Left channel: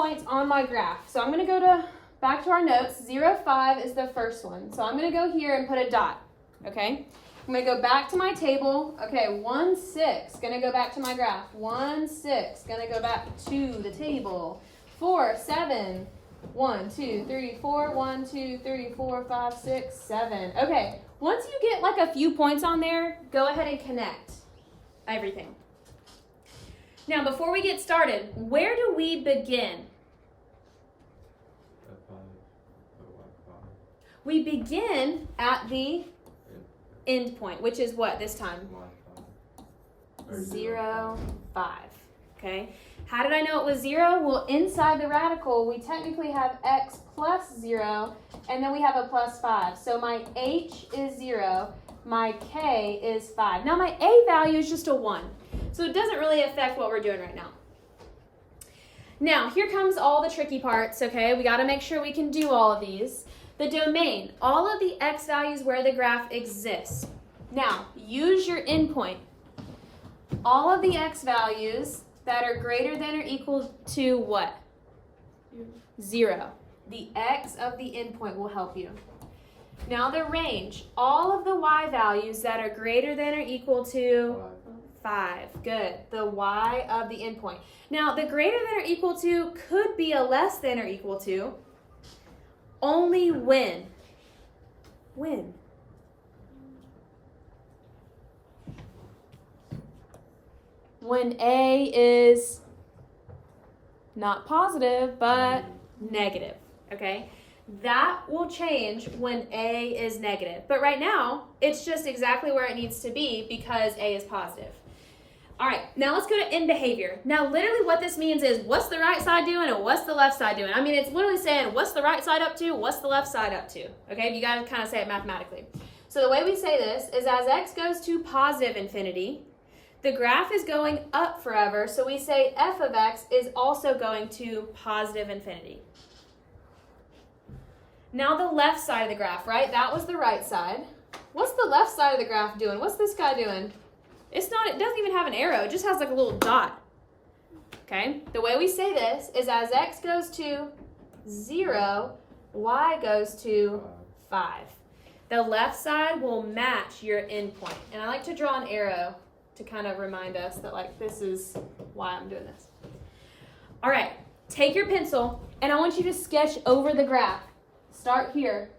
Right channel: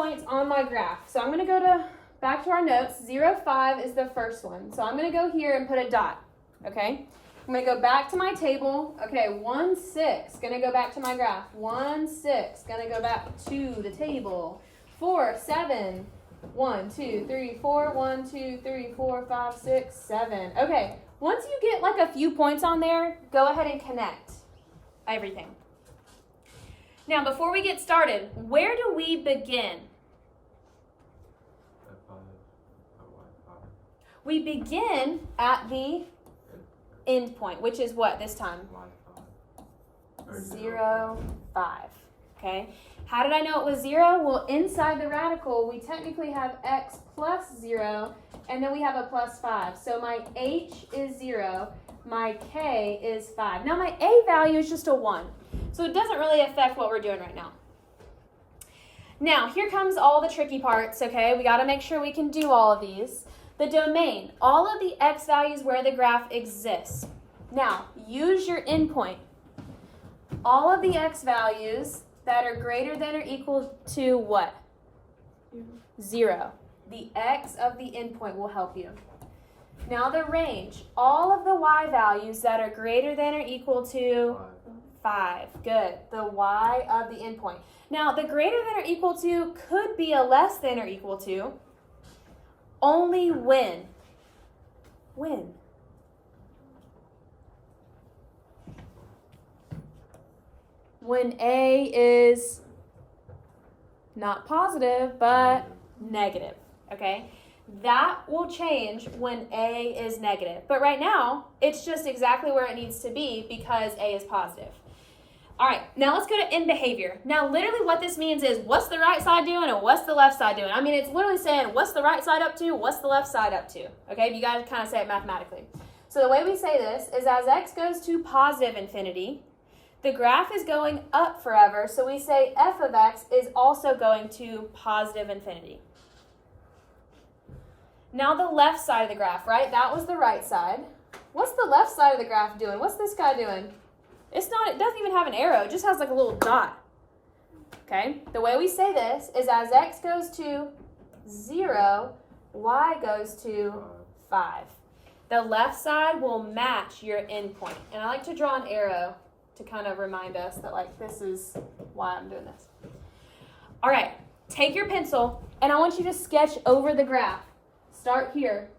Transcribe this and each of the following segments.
points on my graph. So I'm going to go back to our notes. 0, 5 is the first one. So I'm going to go here and put a dot, okay? I'm going to go back to my table. Okay, 1, 6, going to go back to my graph. 1, 6, going to go back to the table. 4, 7, 1, 2, 3, 4, 1, 2, 3, 4, 5, 6, 7. Okay, once you get like a few points on there, go ahead and connect everything. Now, before we get started, where do we begin? We begin at the end point, which is what this time? 0, 5. Okay. How did I know it was 0? Well, inside the radical, we technically have x plus 0, and then we have a plus 5. So my h is 0, my k is 5. Now, my a value is just a 1, so it doesn't really affect what we're doing right now. Now, here comes all the tricky parts, okay? We got to make sure we can do all of these. The domain, all of the x values where the graph exists. Now, use your endpoint. All of the x values that are greater than or equal to what? 0. The x of the endpoint will help you. Now the range, all of the y values that are greater than or equal to 5. Good. The y of the endpoint. Now the greater than or equal to could be a less than or equal to only when. When? When a is not positive, but negative, okay? That will change when a is negative. But right now, it's just exactly where it needs to be because a is positive. All right, now let's go to end behavior. Now, literally what this means is what's the right side doing and what's the left side doing? I mean, it's literally saying what's the right side up to, what's the left side up to, okay? You got to kind of say it mathematically. So the way we say this is as x goes to positive infinity, the graph is going up forever, so we say f of x is also going to positive infinity. Now the left side of the graph, right? That was the right side. What's the left side of the graph doing? What's this guy doing? It doesn't even have an arrow. It just has like a little dot. Okay? The way we say this is as x goes to 0, y goes to 5. The left side will match your endpoint. And I like to draw an arrow to kind of remind us that like this is why I'm doing this. All right, take your pencil and I want you to sketch over the graph. Start here.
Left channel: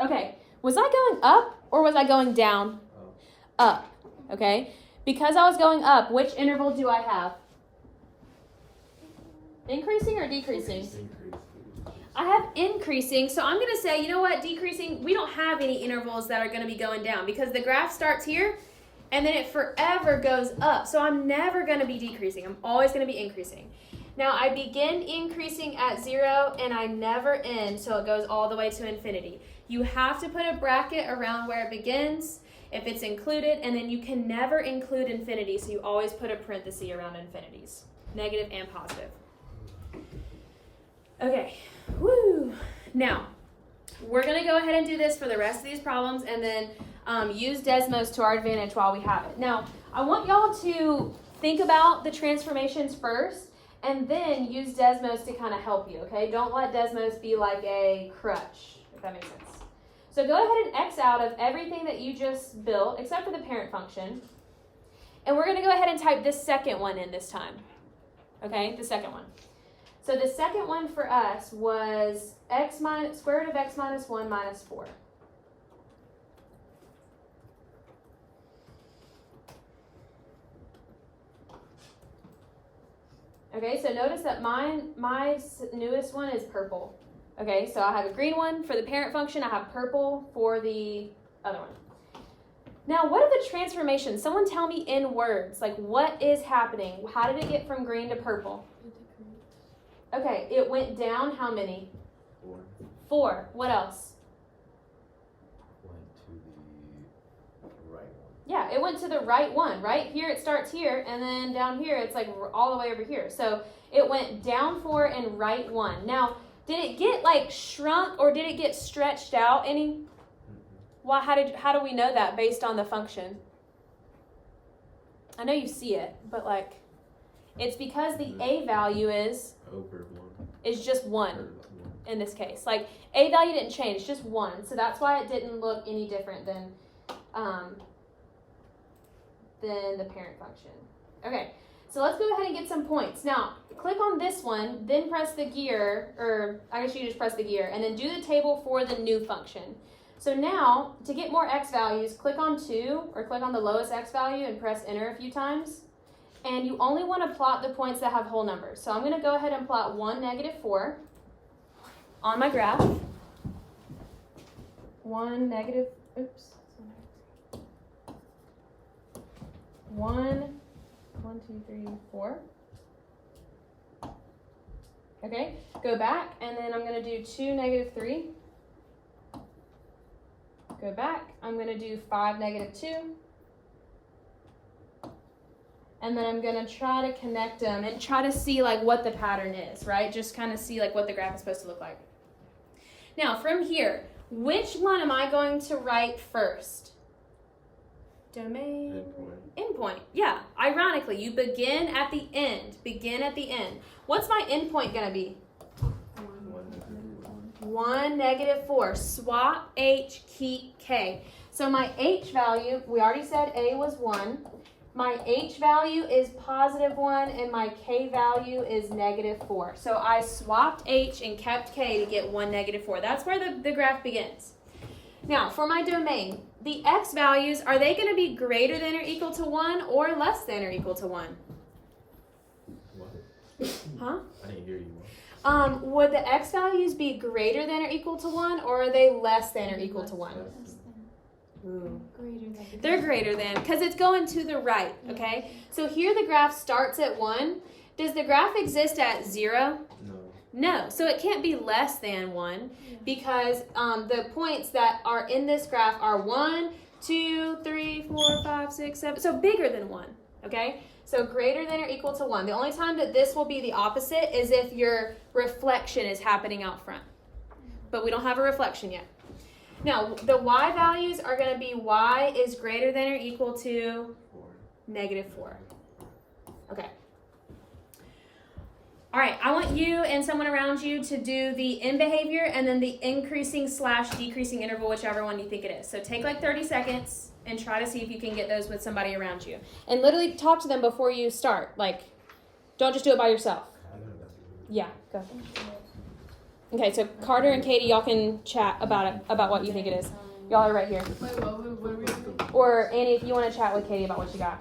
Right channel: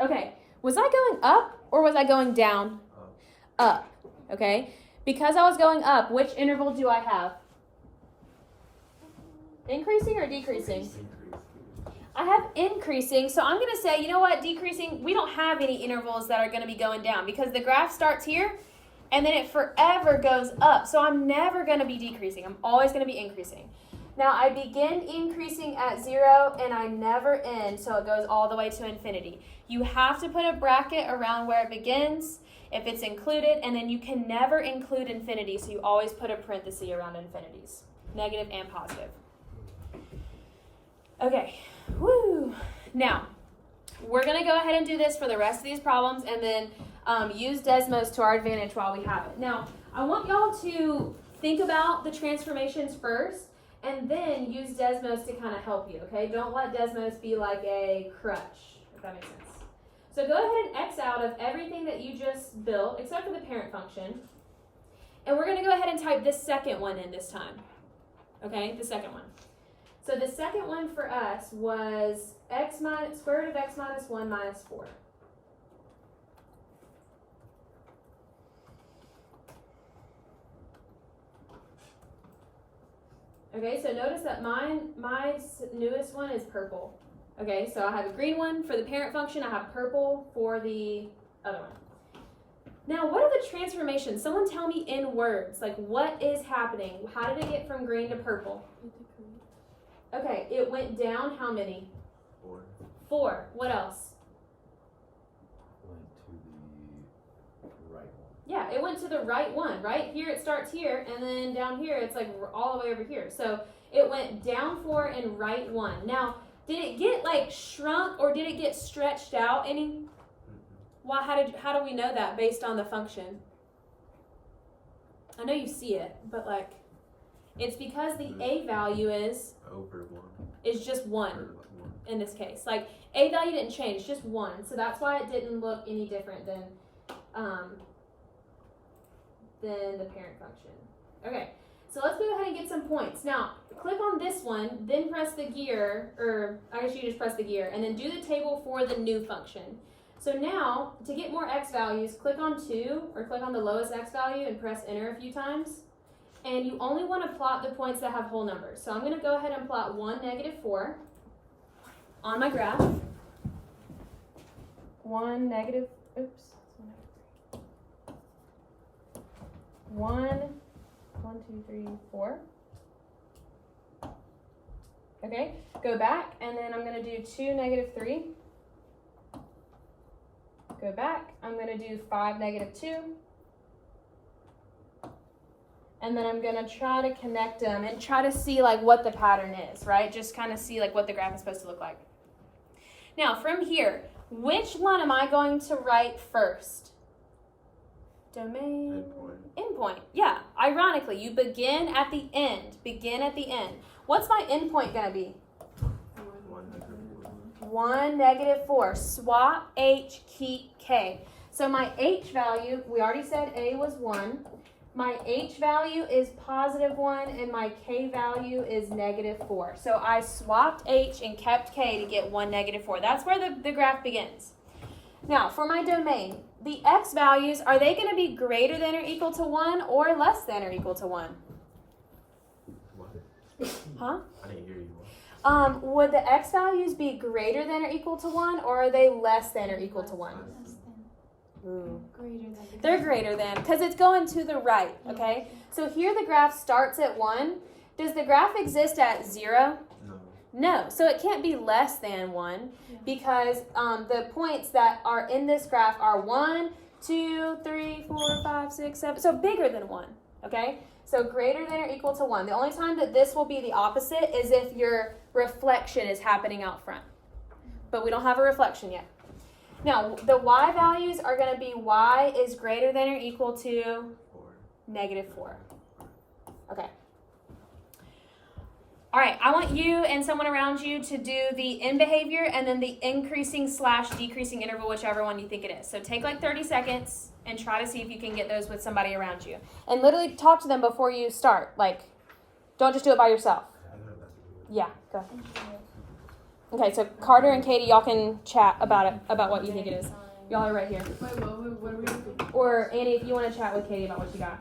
Okay, was I going up or was I going down? Up, okay? Because I was going up, which interval do I have? Increasing or decreasing? I have increasing, so I'm going to say, you know what, decreasing, we don't have any intervals that are going to be going down because the graph starts here and then it forever goes up. So I'm never going to be decreasing. I'm always going to be increasing. Now I begin increasing at 0 and I never end, so it goes all the way to infinity. You have to put a bracket around where it begins if it's included, and then you can never include infinity, so you always put a parenthesis around infinities, negative and positive. Okay. Woo! Now, we're going to go ahead and do this for the rest of these problems and then use Desmos to our advantage while we have it. Now, I want y'all to think about the transformations first and then use Desmos to kind of help you, okay? Don't let Desmos be like a crutch, if that makes sense. So go ahead and X out of everything that you just built, except for the parent function. And we're going to go ahead and type this second one in this time, okay? The second one. So the second one for us was square root of x minus 1 minus 4. Okay, so notice that my newest one is purple. Okay, so I have a green one for the parent function. I have purple for the other one. Now, what are the transformations? Someone tell me in words, like what is happening? How did it get from green to purple? Okay, it went down how many? 4. 4. What else? Went to the right one. Yeah, it went to the right one, right? Here it starts here, and then down here it's like all the way over here. So it went down 4 and right 1. Now, did it get like shrunk or did it get stretched out any? Well, how do we know that based on the function? I know you see it, but like It's because the A value is Over 1. just 1 Or 1. in this case. Like, A value didn't change, it's just 1. So that's why it didn't look any different than the parent function. Okay, so let's go ahead and get some points. Now, click on this one, then press the gear, or I guess you just press the gear, and then do the table for the new function. So now, to get more x values, click on 2, or click on the lowest x value and press enter a few times. And you only want to plot the points that have whole numbers. So I'm going to go ahead and plot 1, -4 on my graph. 1, negative, oops. 1, 2, 3, 4. Okay, go back, and then I'm going to do 2, -3. Go back, I'm going to do 5, -2. And then I'm going to try to connect them and try to see like what the pattern is, right? Just kind of see like what the graph is supposed to look like. Now, from here, which one am I going to write first? Domain. Endpoint. Yeah, ironically, you begin at the end. Begin at the end. What's my endpoint going to be? 1, -4. Swap H, keep K. So my H value, we already said A was 1. My H value is +1 and my K value is -4. So I swapped H and kept K to get 1, -4. That's where the graph begins. Now, for my domain, the X values, are they going to be greater than or equal to 1 or less than or equal to 1? What? Huh? I didn't hear you. Would the X values be greater than or equal to 1, or are they less than or equal to 1? Ooh. They're greater than, because it's going to the right, okay? So here the graph starts at 1. Does the graph exist at 0? No. No, so it can't be less than 1 because the points that are in this graph are 1, 2, 3, 4, 5, 6, 7, so bigger than 1, okay? So greater than or equal to 1. The only time that this will be the opposite is if your reflection is happening out front. But we don't have a reflection yet. Now, the Y values are going to be Y is greater than or equal to 4. -4. Okay. All right, I want you and someone around you to do the end behavior and then the increasing/decreasing interval, whichever one you think it is. So take like 30 seconds and try to see if you can get those with somebody around you. And literally talk to them before you start. Like, don't just do it by yourself. Yeah, go. Okay, so Carter and Katie, y'all can chat about it, about what you think it is. Y'all are right here. Or Annie, if you want to chat with Katie about what you got.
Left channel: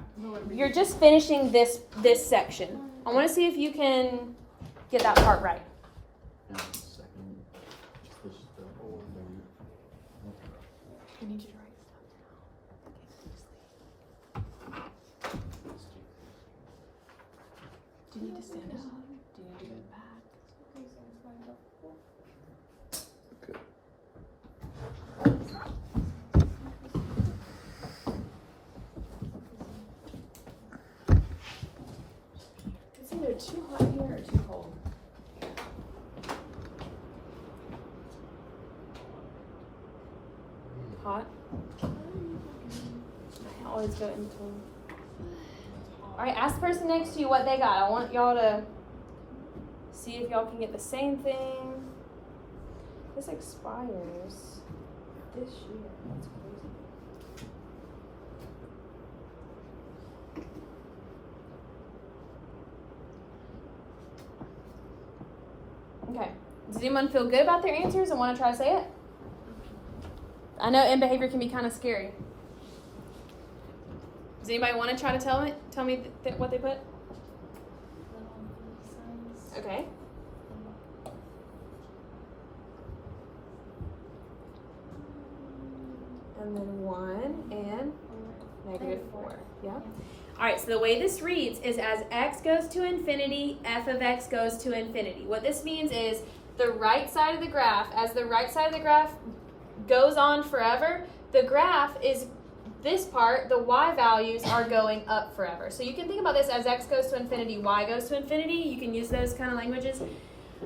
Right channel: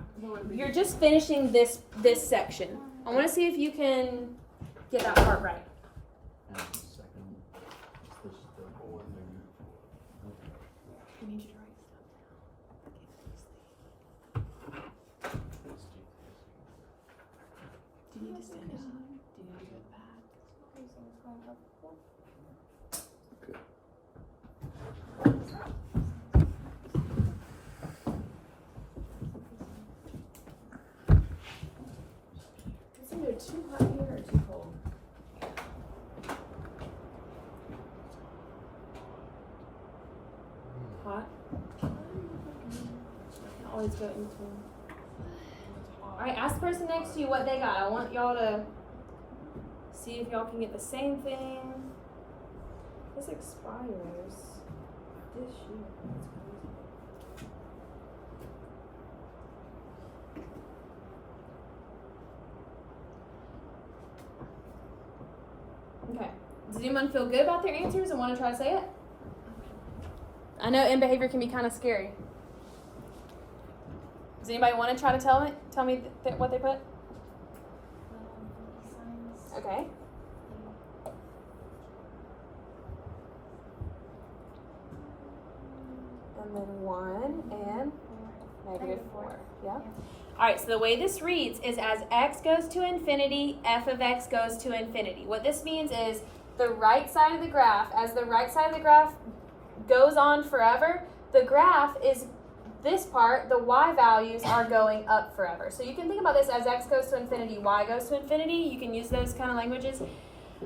You're just finishing this section. I want to see if you can get that part right. Do you need to stand up? Do you need to go back? It's either too hot here or too cold. Hot? I always go in between. Alright, ask the person next to you what they got. I want y'all to see if y'all can get the same thing. This expires this year. That's crazy. Okay. Does anyone feel good about their answers and want to try to say it? I know end behavior can be kind of scary. Does anybody want to try to tell me what they put? Okay. And then 1 and -4. Yeah? All right, so the way this reads is as x goes to infinity, f of x goes to infinity. What this means is the right side of the graph, as the right side of the graph goes on forever, the graph is this part, the y values are going up forever. So you can think about this as x goes to infinity, y goes to infinity. You can use those kind of languages.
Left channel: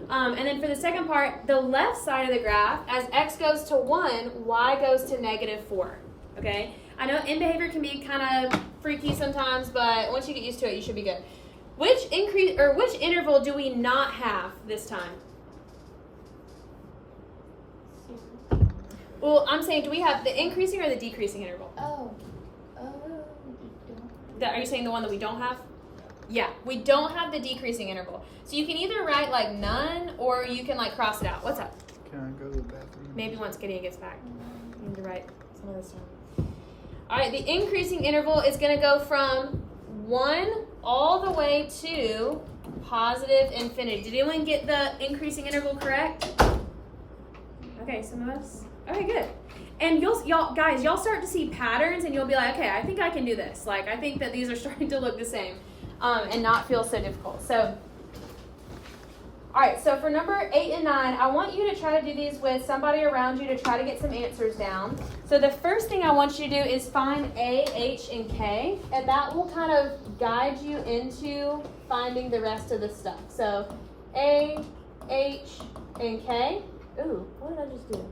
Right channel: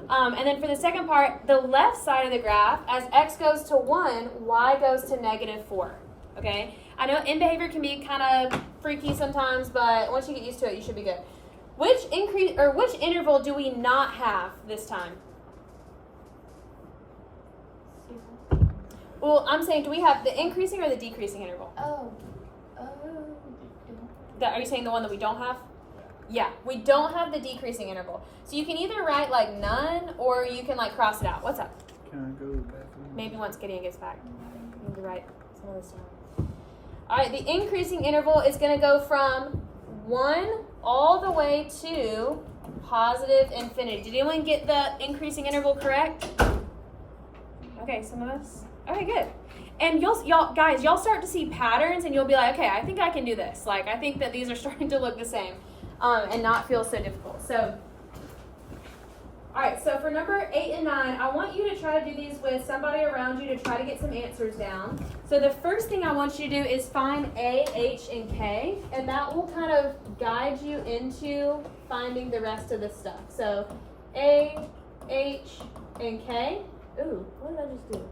And then for the second part, the left side of the graph, as x goes to 1, y goes to -4. Okay? I know end behavior can be kind of freaky sometimes, but once you get used to it, you should be good. Which interval do we not have this time? Well, I'm saying, do we have the increasing or the decreasing interval? Are you saying the one that we don't have? Yeah, we don't have the decreasing interval. So you can either write like none, or you can like cross it out. What's up? Can I go to the bathroom? Maybe once Gideon gets back. I need to write some of this down. All right, the increasing interval is going to go from 1 all the way to positive infinity. Did anyone get the increasing interval correct? Okay, some of us. Okay, good. And y'all start to see patterns, and you'll be like, okay, I think I can do this. Like, I think that these are starting to look the same, and not feel so difficult. So, all right. So for number 8 and 9, I want you to try to do these with somebody around you to try to get some answers down. So the first thing I want you to do is find A, H, and K, and that will kind of guide you into finding the rest of the stuff. So A, H, and K. Ooh, what did I just do?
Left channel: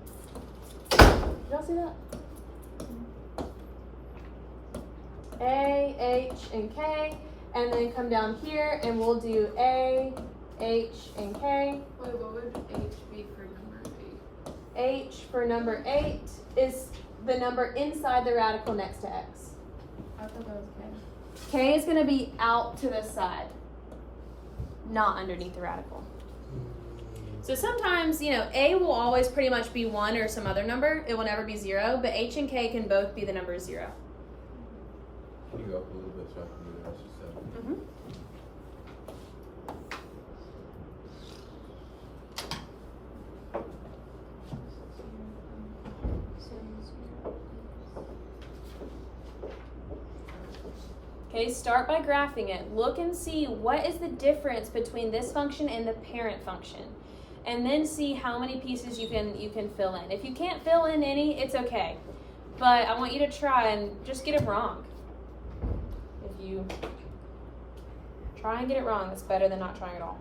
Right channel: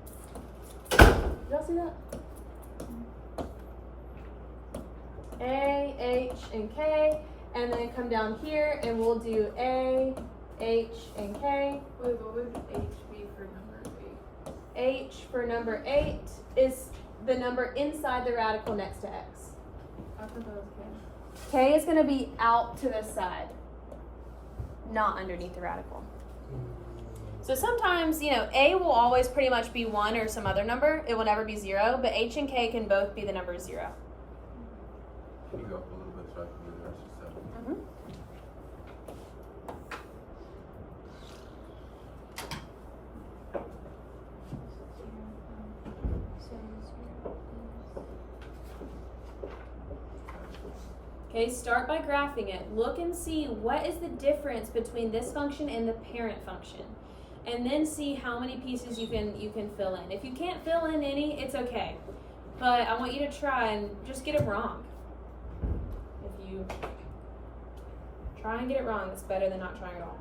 Did y'all see that? A, H, and K, and then come down here and we'll do A, H, and K. Wait, what would H be for number 8? H for number 8 is the number inside the radical next to X. I thought that was K. K is going to be out to the side, not underneath the radical. So sometimes, A will always pretty much be 1 or some other number. It will never be 0, but H and K can both be the number 0. Can you go up a little bit so I can do the rest of 7? Okay, start by graphing it. Look and see what is the difference between this function and the parent function. And then see how many pieces you can fill in. If you can't fill in any, it's okay. But I want you to try and just get it wrong. If you try and get it wrong, it's better than not trying at all.